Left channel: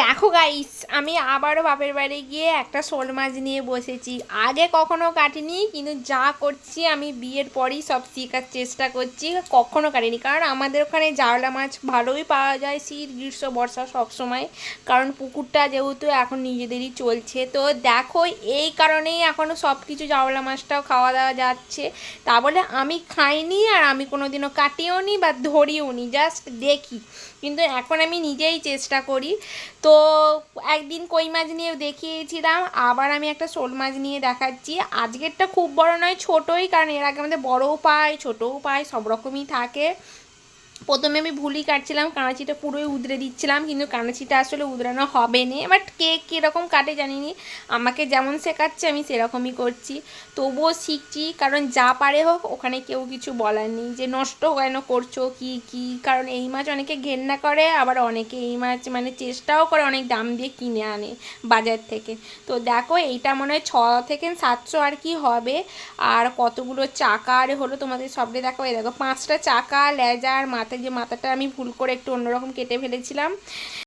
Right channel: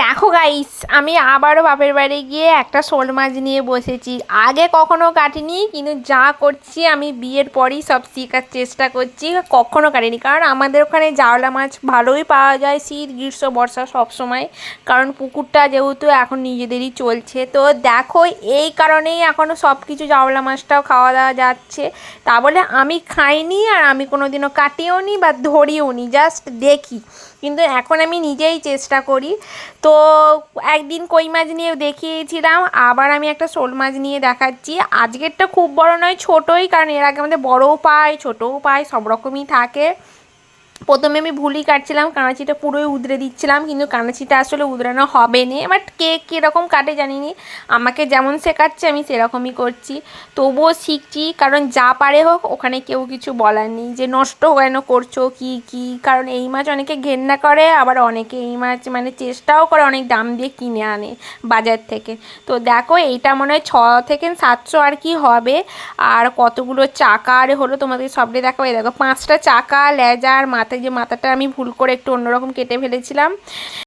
দেখো গাইস, আমি আবারও বাপের বাড়ি গিয়ে একটা শোল মাছ নিয়ে বসেছি। আগে কখনো কাটিনি, কিন্তু যা করছি আমি বিয়ের পরেই সব শেখার চেষ্টা করছি। কখনো কাটিনি, কারণ আমাদের ওখানে জাওলা মাছ ভালোই পাওয়া যায় শীত গ্রীষ্ম বর্ষা সব সময়। কারণ পুকুরটা যেহেতু এখন নিজেদেরই চলছে, তো দেখো এই কারণেই এখনও সব কিছু জাওলা মাছটাও খাওয়া দাওয়া যাচ্ছে। তা বলে আমি খাইনি, আর আমি কোনোদিনও কাটিও নি বা ধরিও নি, জাস্ট দেখি। কিন্তু এখন আমি নিজেই চেষ্টা করি। তো একদিন কই মাছ নিয়ে দেখিয়েছিলাম, আবার আমি একটা শোল মাছ নিয়ে দেখাচ্ছি। আজকেরটা খুব বড় নয়, ছোটোই, কারণ এর আগে আমাদের বড়ও পায় ছোটোও পায় সব রকমই থাকে। প্রথমে আমি ভুলই কাটছিলাম, কাঁচিটা পুরোই উদরে দিচ্ছিলাম, কিন্তু কাঁচিটা আসলে উদরানো হবে না। বাট কে কীরকম কাটে জানি না, আমাকে যেমন শেখাচ্ছে আমি সেরকমই করছি। তবুও শিখছি, কারণ যা পারে হোক, ওখানে কেউ কিছু বলার নেই যে নষ্ট কেন করছো কি কি। কারণ এই মাছ অনেকে ঘেন্না করে, আবার অনেকে এই মাছ মানে চেষ্টাও করে, অনেক দাম দিয়ে কিনে আনে বাজার থেকে। তো দেখো এইটা মনে হয় 600 থেকে 700 আর কি হবে। আর কতগুলো চাকা আর হলো তোমাদের সবটাই দেখো। এই দেখো 5টা চাকা, লেজা আর মাথায়, যে মাথাটা আমি ভুল করে একটু অন্যরকম কেটে ফেলেছিলাম।